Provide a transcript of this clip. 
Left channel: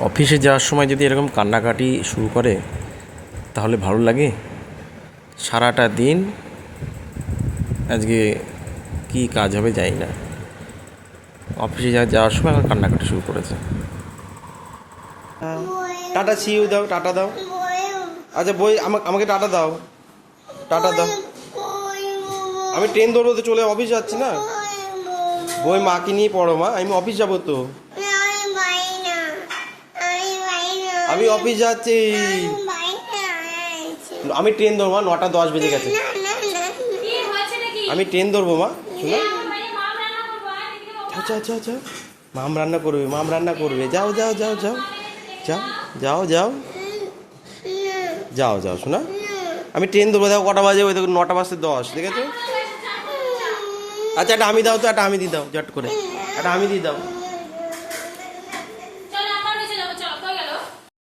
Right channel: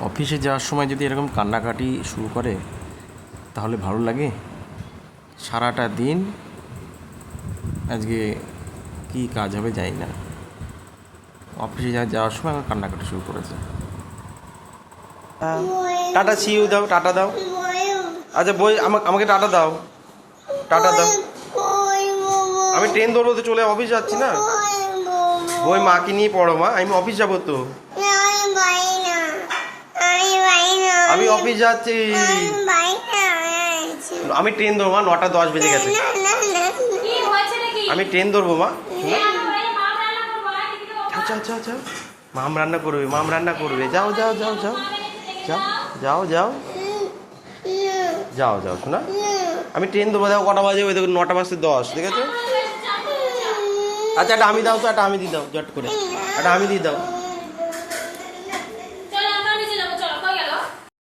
অফিসে যাওয়ার সময় যদি এরকম কান্নাকাটি শুরু করে তাহলে ভালো লাগে? সারাটা দিন আজকে কী কাজ হবে জানি না, অফিসে যাওয়ার সময় আমার কান্নাকাটি শুরু করেছে। টাটা সিউ দাও, টাটা দাও। আচ্ছা বই আমাকে টাটা দাও, টাটা দাও। আমি ট্রেন ধরবো তো, চলে অফিস যাচ্ছি না। বই মাকে নিয়ে পড়ো মা, আমি অফিস যাবো তো। আমি অফিস যাচ্ছি, আমি ট্রেন ধরবো মা, 9:10 বেজে গেছে। আমি ট্রেন ধরবো মা। আচ্ছা আচ্ছা আচ্ছা, মাম রান্না করবে, মাম রান্না করবে। যাও যাও যাও যাও যাও যাও যাও যাও যাও শোনা। আমি ট্রেন ধরবো, দেখো কটা বাজে, ওই দেখো 9:10 ঠিক আছে। আচ্ছা একটা আমি দাও তো, একটা আমি দিয়ে দাও, জট করে একটা আমি দিয়ে দাও।